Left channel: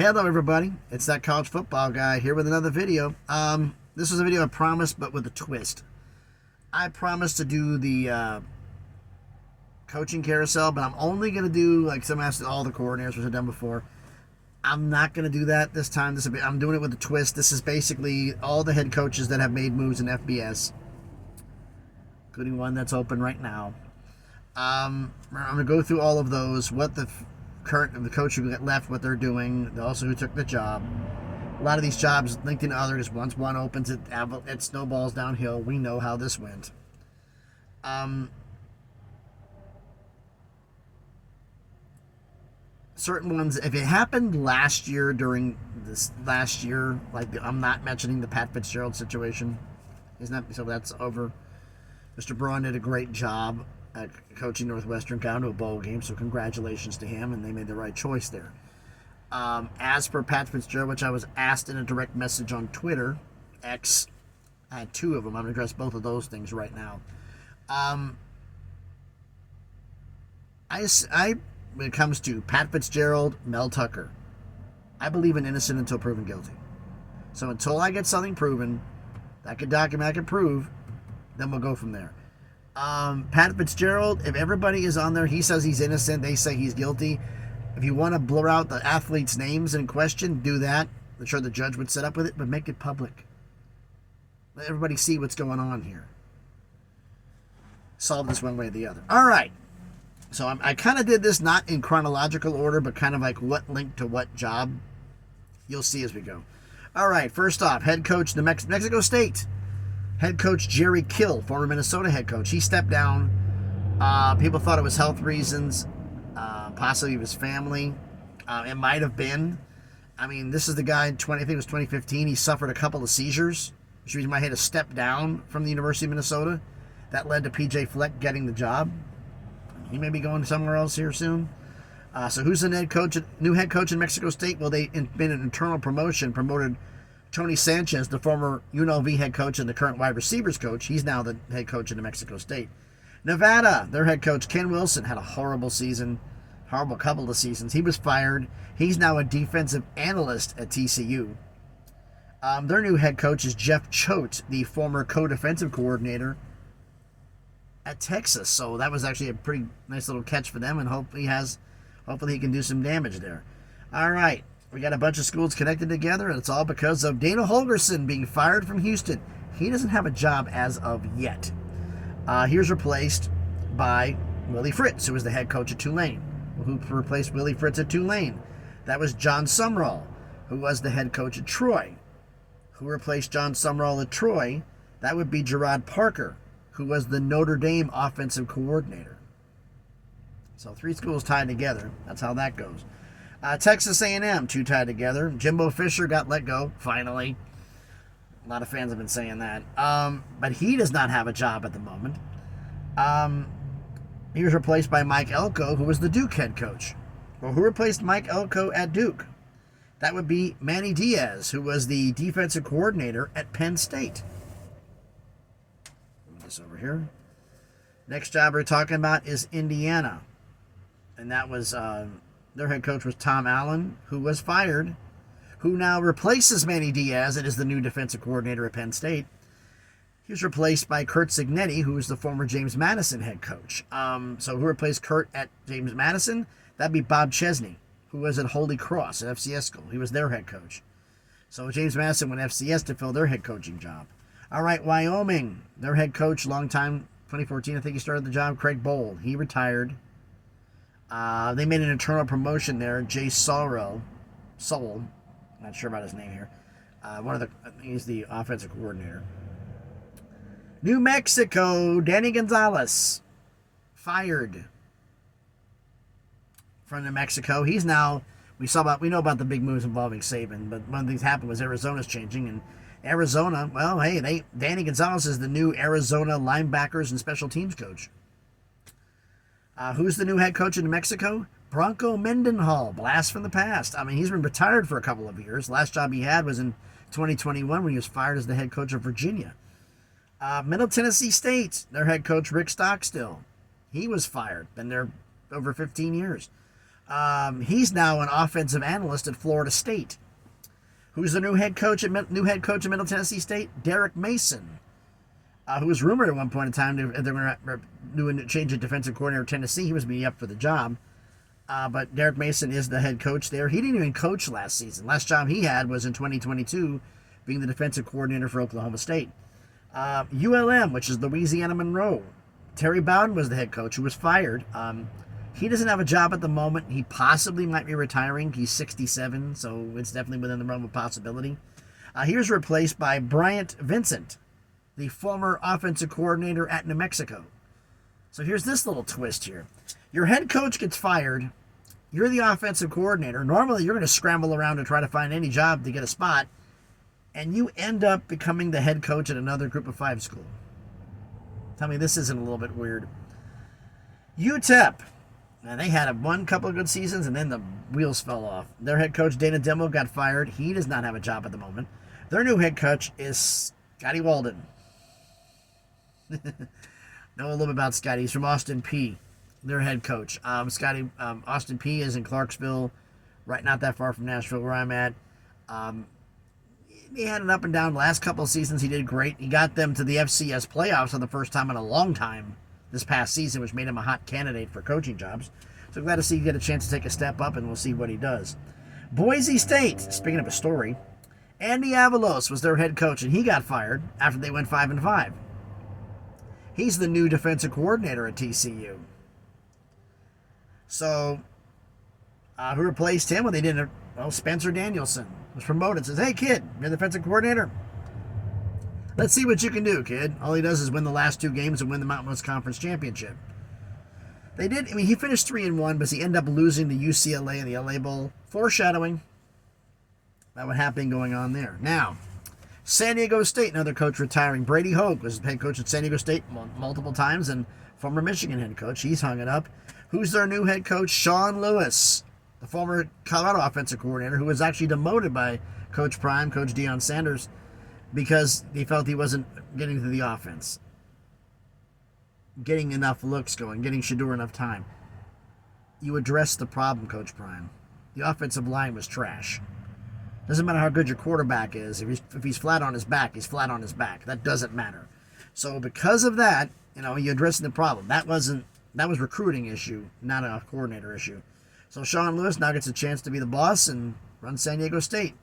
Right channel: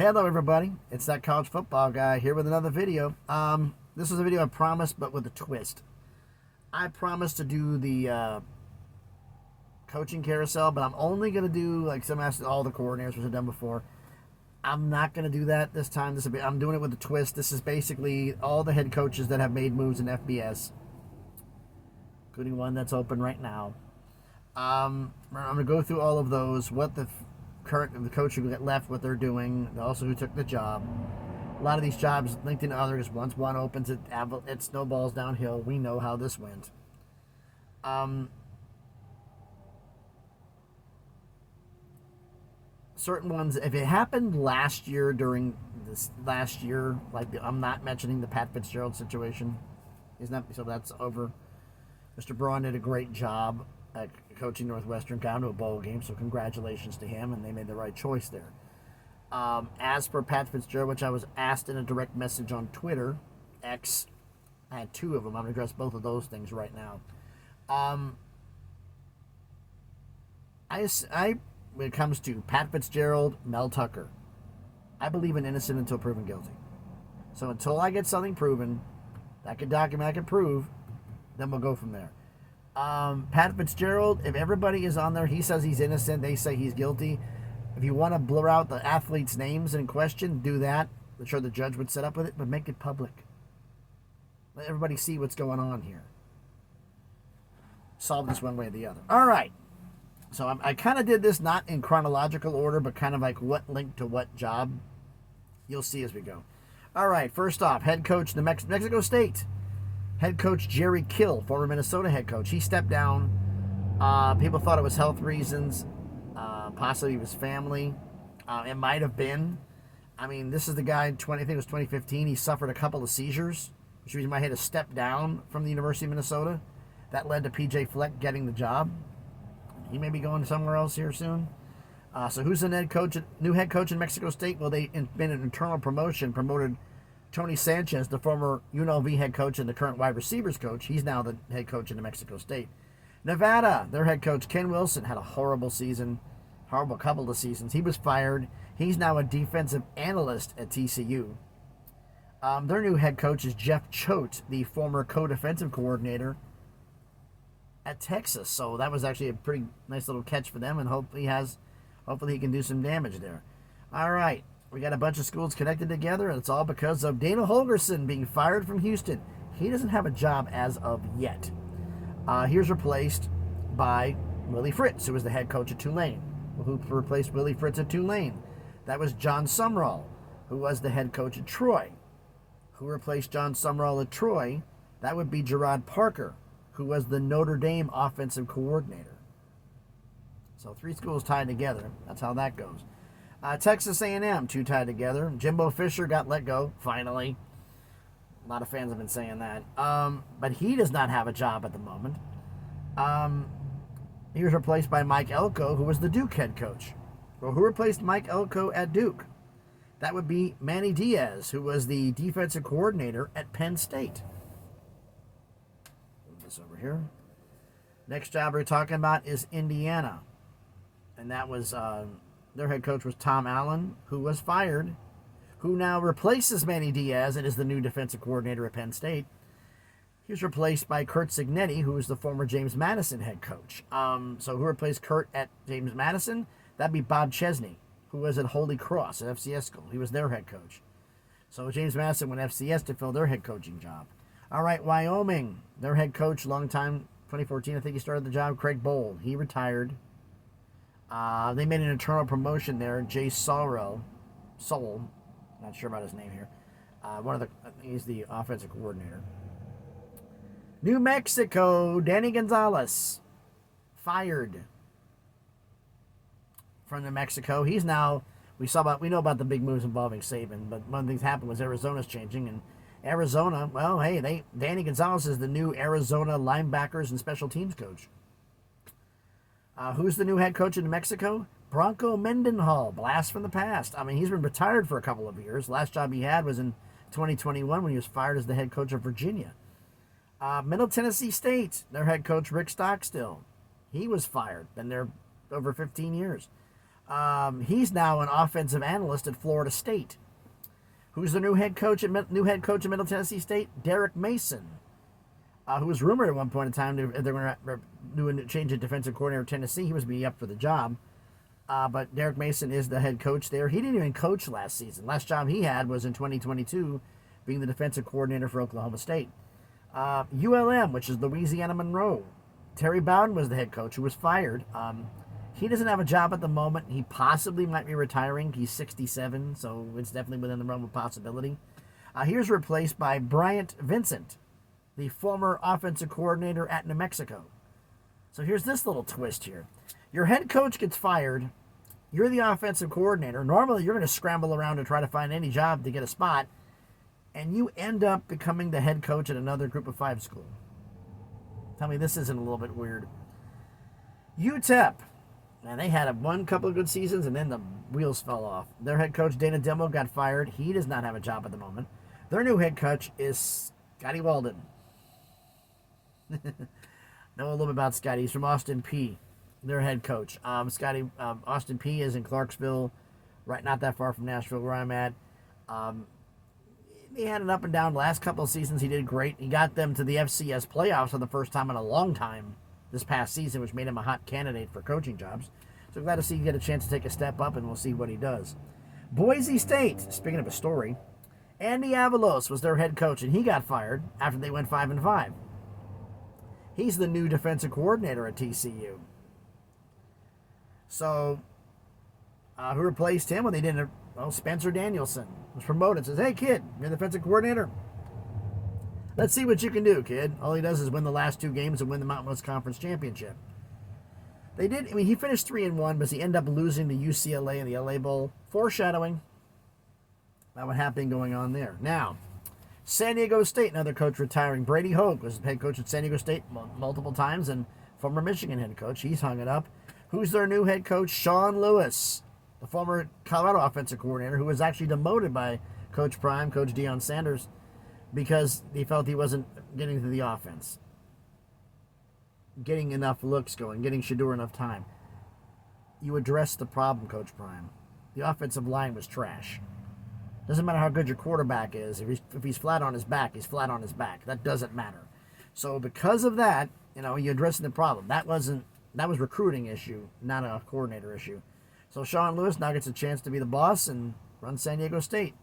Hello everybody, it's that college football guy here with another video. This was a video I promised, but with a twist. I promised to do the coaching carousel, but I'm only going to do, like some asked, all the coordinators, which I've done before. I'm not going to do that this time. I'm doing it with a twist. This is basically all the head coaches that have made moves in FBS, including one that's open right now. I'm going to go through all of those, what the coach who got left, what they're doing, also who took the job. A lot of these jobs linked into others. Once one opens, it snowballs downhill. We know how this went. Certain ones, if it happened last year during this last year, like I'm not mentioning the Pat Fitzgerald situation, so that's over. Mr. Braun did a great job at coaching Northwestern, got to a bowl game, so congratulations to him, and they made the right choice there. As for Pat Fitzgerald, which I was asked in a direct message on Twitter, X, I had two of them. I'm going to address both of those things right now. When it comes to Pat Fitzgerald, Mel Tucker, I believe in innocent until proven guilty. So until I get something proven, that I can document, I can prove, then we'll go from there. Pat Fitzgerald, if everybody is on there, he says he's innocent, they say he's guilty. If you want to blur out the athletes' names in question, do that. I'm sure the judge would set up with it, but make it public. Let everybody see what's going on here. Solve this one way or the other. All right. So I kind of did this not in chronological order, but kind of like what linked to what job. You'll see as we go. All right. First off, head coach New Mexico State. Head coach Jerry Kill, former Minnesota head coach. He stepped down. People thought it was health reasons, possibly his family. It might have been. I mean, this is the guy, I think it was 2015. He suffered a couple of seizures, which means he might have had to step down from the University of Minnesota. That led to P.J. Fleck getting the job. He may be going somewhere else here soon. So who's the new head coach in Mexico State? Well, they been an internal promotion, promoted Tony Sanchez, the former UNLV head coach and the current wide receivers coach. He's now the head coach in New Mexico State. Nevada, their head coach, Ken Wilson, had a horrible couple of seasons. He was fired. He's now a defensive analyst at TCU. Their new head coach is Jeff Choate, the former co-defensive coordinator at Texas. So that was actually a pretty nice little catch for them, and hopefully he can do some damage there. All right. We got a bunch of schools connected together, and it's all because of Dana Holgorsen being fired from Houston. He doesn't have a job as of yet. He was replaced by Willie Fritz, who was the head coach at Tulane. Who replaced Willie Fritz at Tulane? That was John Sumrall, who was the head coach at Troy. Who replaced John Sumrall at Troy? That would be Gerard Parker, who was the Notre Dame offensive coordinator. So 3 schools tied together. That's how that goes. Texas A&M, 2 tied together. Jimbo Fisher got let go, finally. A lot of fans have been saying that. But he does not have a job at the moment. He was replaced by Mike Elko, who was the Duke head coach. Well, who replaced Mike Elko at Duke? That would be Manny Diaz, who was the defensive coordinator at Penn State. Move this over here. Next job we're talking about is Indiana. And that was... their head coach was Tom Allen, who was fired, who now replaces Manny Diaz and is the new defensive coordinator at Penn State. He was replaced by Kurt Cignetti, who was the former James Madison head coach. So who replaced Kurt at James Madison? That'd be Bob Chesney, who was at Holy Cross, at FCS school. He was their head coach. So James Madison went FCS to fill their head coaching job. All right, Wyoming, their head coach, long time, 2014, I think he started the job, Craig Bold. He retired. They made an internal promotion there. Jay Soul, not sure about his name here. He's the offensive coordinator. New Mexico, Danny Gonzalez, fired from New Mexico. He's now, we know about the big moves involving Saban, but one of the things happened was Arizona's changing, and Arizona, well, hey, Danny Gonzalez is the new Arizona linebackers and special teams coach. Who's the new head coach in New Mexico? Bronco Mendenhall, blast from the past. I mean, he's been retired for a couple of years. Last job he had was in 2021 when he was fired as the head coach of Virginia. Middle Tennessee State, their head coach Rick Stockstill. He was fired. Been there over 15 years. He's now an offensive analyst at Florida State. Who's the new head coach at Middle Tennessee State? Derek Mason, who was rumored at one point in time they're going to do a change of defensive coordinator at Tennessee. He was being up for the job. But Derek Mason is the head coach there. He didn't even coach last season. Last job he had was in 2022, being the defensive coordinator for Oklahoma State. ULM, which is Louisiana Monroe. Terry Bowden was the head coach, who was fired. He doesn't have a job at the moment. He possibly might be retiring. He's 67, so it's definitely within the realm of possibility. He was replaced by Bryant Vincent, the former offensive coordinator at New Mexico. So here's this little twist here. Your head coach gets fired. You're the offensive coordinator. Normally, you're going to scramble around to try to find any job to get a spot, and you end up becoming the head coach at another Group of 5 school. Tell me this isn't a little bit weird. UTEP. And they had one couple of good seasons, and then the wheels fell off. Their head coach, Dana Demo, got fired. He does not have a job at the moment. Their new head coach is Scotty Walden. Know a little bit about Scotty. He's from Austin P, their head coach. Austin P is in Clarksville, right not that far from Nashville, where I'm at. He had an up and down last couple of seasons. He did great. He got them to the FCS playoffs for the first time in a long time this past season, which made him a hot candidate for coaching jobs. So glad to see you get a chance to take a step up, and we'll see what he does. Boise State, speaking of a story, Andy Avalos was their head coach, and he got fired after they went 5-5. He's the new defensive coordinator at TCU. So, who replaced him? Well, they didn't. Well, Spencer Danielson was promoted. Says, "Hey, kid, you're the defensive coordinator. Let's see what you can do, kid." All he does is win the last 2 games and win the Mountain West Conference Championship. He finished 3-1, but he ended up losing to UCLA in the LA Bowl. Foreshadowing about what happened going on there. Now, San Diego State, another coach retiring. Brady Hoke was head coach at San Diego State multiple times, and former Michigan head coach. He's hung it up. Who's their new head coach? Sean Lewis, the former Colorado offensive coordinator, who was actually demoted by Coach Prime, Coach Deion Sanders, because he felt he wasn't getting to the offense, getting enough looks going, getting Shador enough time. You address the problem, Coach Prime. The offensive line was trash. Doesn't matter how good your quarterback is. If he's flat on his back, he's flat on his back. That doesn't matter. So because of that, you're addressing the problem. That was recruiting issue, not a coordinator issue. So Sean Lewis now gets a chance to be the boss and run San Diego State.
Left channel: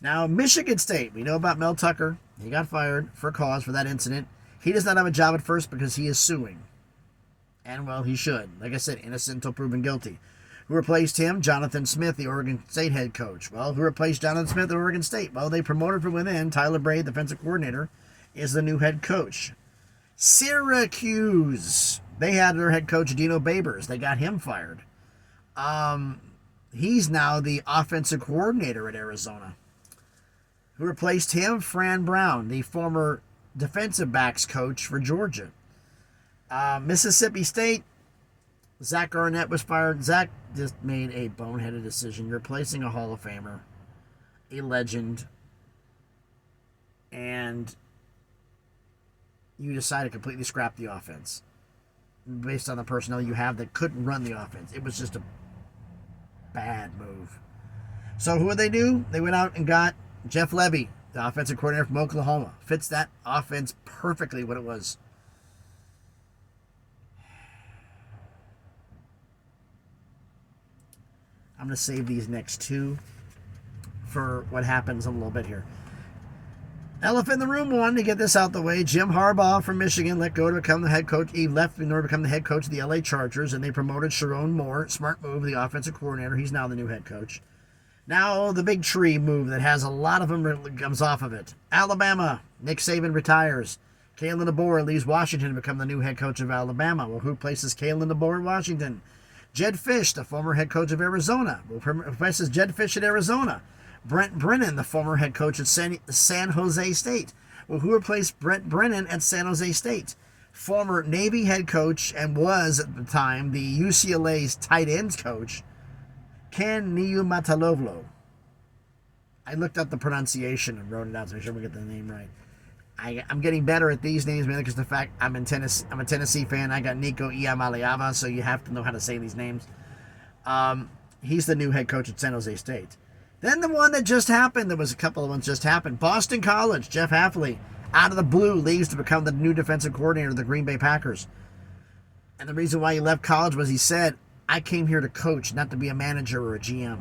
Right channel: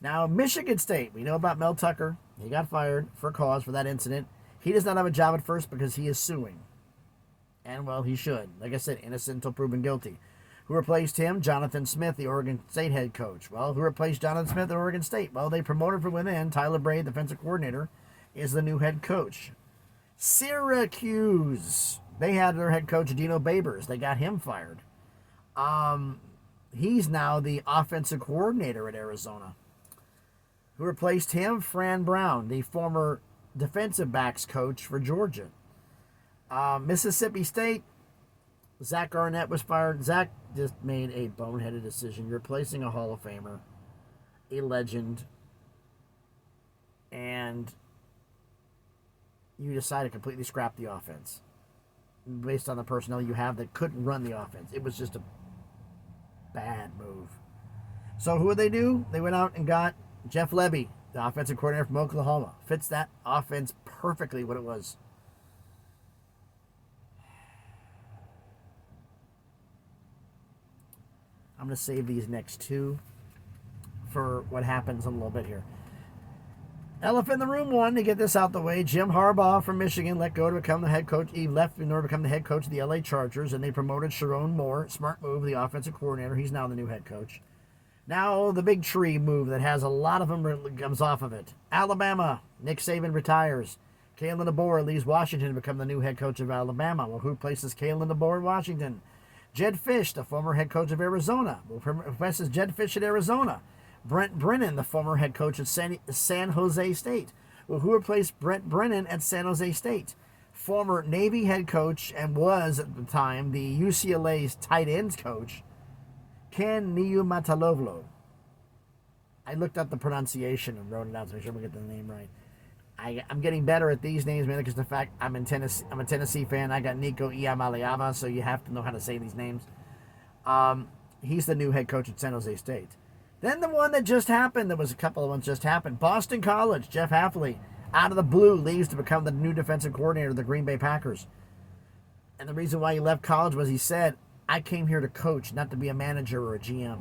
Now, Michigan State, we know about Mel Tucker. He got fired for cause for that incident. He does not have a job at first because he is suing. And, well, he should. Like I said, innocent until proven guilty. Who replaced him? Jonathan Smith, the Oregon State head coach. Well, who replaced Jonathan Smith at Oregon State? Well, they promoted from within. Tyler Bray, defensive coordinator, is the new head coach. Syracuse, they had their head coach, Dino Babers. They got him fired. He's now the offensive coordinator at Arizona. Who replaced him? Fran Brown, the former defensive backs coach for Georgia. Mississippi State, Zach Arnett was fired. Zach just made a boneheaded decision. You're replacing a Hall of Famer, a legend, and you decide to completely scrap the offense based on the personnel you have that couldn't run the offense. It was just a bad move. So who did they do? They went out and got Jeff Lebby, the offensive coordinator from Oklahoma. Fits that offense perfectly what it was. I'm going to save these next 2 for what happens a little bit here. Elephant in the room 1, to get this out the way. Jim Harbaugh from Michigan let go to become the head coach. He left in order to become the head coach of the LA Chargers, and they promoted Sharon Moore. Smart move, the offensive coordinator. He's now the new head coach. Now the big tree move that has a lot of them comes off of it. Alabama, Nick Saban retires. Kalen DeBoer leaves Washington to become the new head coach of Alabama. Well, who places Kalen DeBoer in Washington? Jed Fish, the former head coach of Arizona. Well, who places Jed Fish in Arizona? Brent Brennan, the former head coach at San Jose State. Well, who replaced Brent Brennan at San Jose State? Former Navy head coach and was at the time the UCLA's tight ends coach, Ken Niumataloglu. I looked up the pronunciation and wrote it out to make sure we get the name right. I'm getting better at these names, mainly because the fact I'm a Tennessee fan. I got Nico Iamaleava, so you have to know how to say these names. He's the new head coach at San Jose State. Then the one that just happened, there was a couple of ones just happened. Boston College, Jeff Hafley, out of the blue, leaves to become the new defensive coordinator of the Green Bay Packers. And the reason why he left college was he said, I came here to coach, not to be a manager or a GM.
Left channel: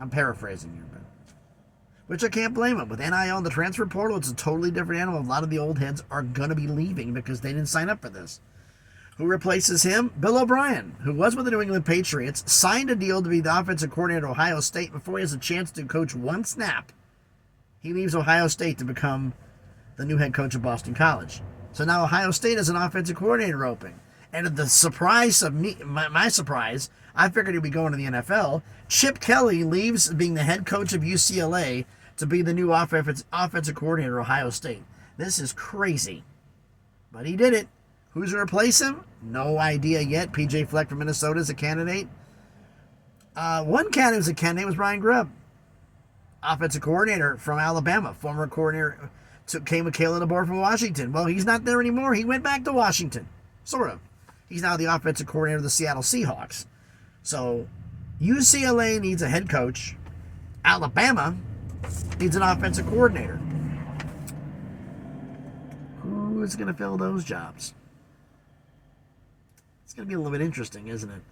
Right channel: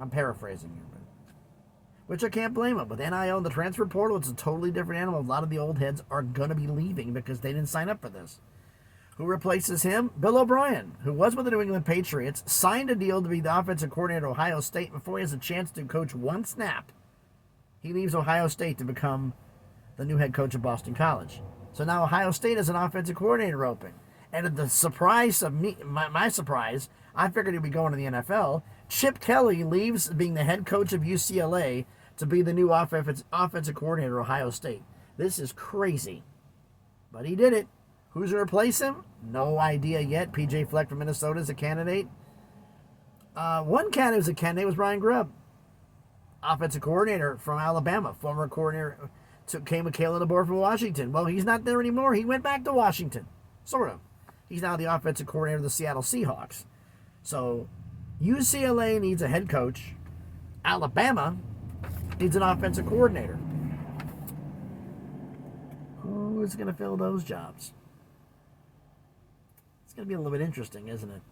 I'm paraphrasing here, but which I can't blame him. With NIL and the transfer portal, it's a totally different animal. A lot of the old heads are going to be leaving because they didn't sign up for this. Who replaces him? Bill O'Brien, who was with the New England Patriots, signed a deal to be the offensive coordinator at Ohio State before he has a chance to coach one snap. He leaves Ohio State to become the new head coach of Boston College. So now Ohio State has an offensive coordinator opening. And at the surprise of me, my surprise, I figured he'd be going to the NFL. Chip Kelly leaves being the head coach of UCLA to be the new offensive coordinator at Ohio State. This is crazy. But he did it. Who's going to replace him? No idea yet. P.J. Fleck from Minnesota is a candidate. One candidate who's a candidate was Brian Grubb, offensive coordinator from Alabama, former coordinator, came with Kalen DeBoer from Washington. Well, he's not there anymore. He went back to Washington, sort of. He's now the offensive coordinator of the Seattle Seahawks. So UCLA needs a head coach. Alabama needs an offensive coordinator. Who's going to fill those jobs? It's going to be a little bit interesting, isn't it?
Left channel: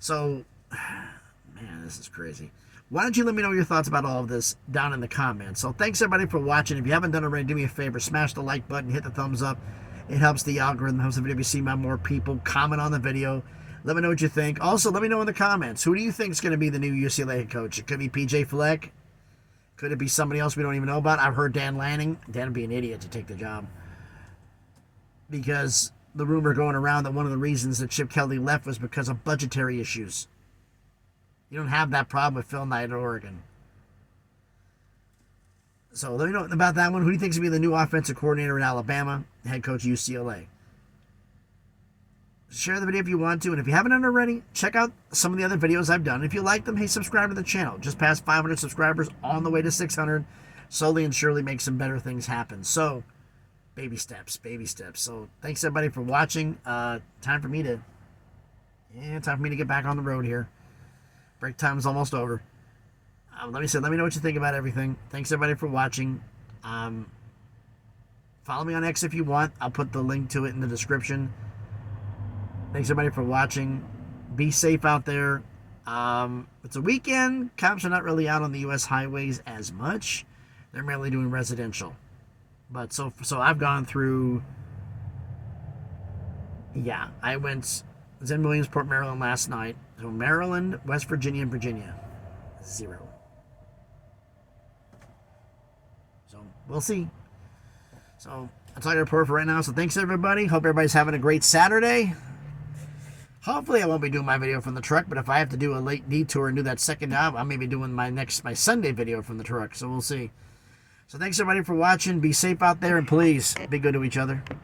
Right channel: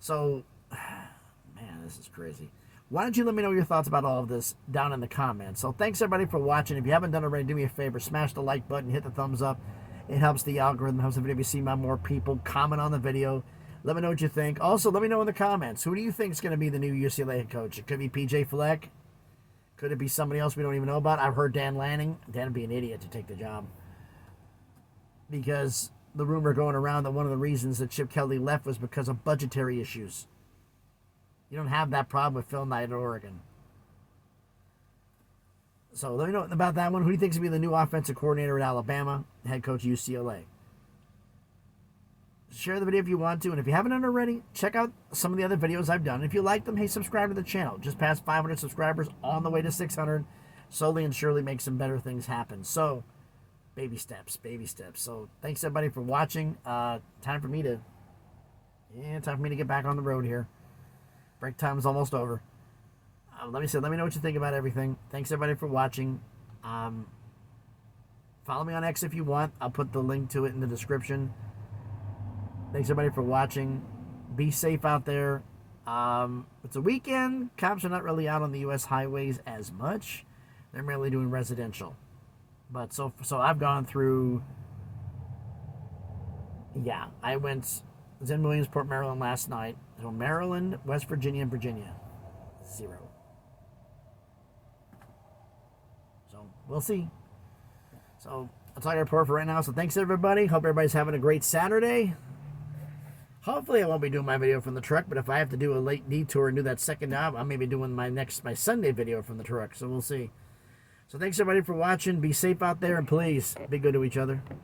So, man, this is crazy. Why don't you let me know your thoughts about all of this down in the comments. So thanks, everybody, for watching. If you haven't done it already, do me a favor. Smash the like button. Hit the thumbs up. It helps the algorithm. Helps the video be seen by more people. Comment on the video. Let me know what you think. Also, let me know in the comments. Who do you think is going to be the new UCLA head coach? It could be P.J. Fleck. Could it be somebody else we don't even know about? I've heard Dan Lanning. Dan would be an idiot to take the job. Because the rumor going around that one of the reasons that Chip Kelly left was because of budgetary issues. You don't have that problem with Phil Knight at Oregon. So let me know about that one. Who do you think is going to be the new offensive coordinator at Alabama, head coach UCLA? Share the video if you want to. And if you haven't done already, check out some of the other videos I've done. If you like them, hey, subscribe to the channel. Just past 500 subscribers, on the way to 600. Slowly and surely make some better things happen. So, baby steps, baby steps. So, thanks everybody for watching. Time for me to get back on the road here. Break time is almost over. Let me know what you think about everything. Thanks everybody for watching. Follow me on X if you want. I'll put the link to it in the description. Thanks everybody for watching. Be safe out there. It's a weekend. Cops are not really out on the U.S. highways as much. They're mainly doing residential. But so I've gone through. Yeah, I was in Williamsport, Maryland last night. So Maryland, West Virginia, and Virginia, 0. So we'll see. So that's all I got to report for right now. So thanks everybody. Hope everybody's having a great Saturday. Hopefully I won't be doing my video from the truck, but if I have to do a late detour and do that second job, I may be doing my Sunday video from the truck. So we'll see. So thanks everybody for watching. Be safe out there, and please be good to each other.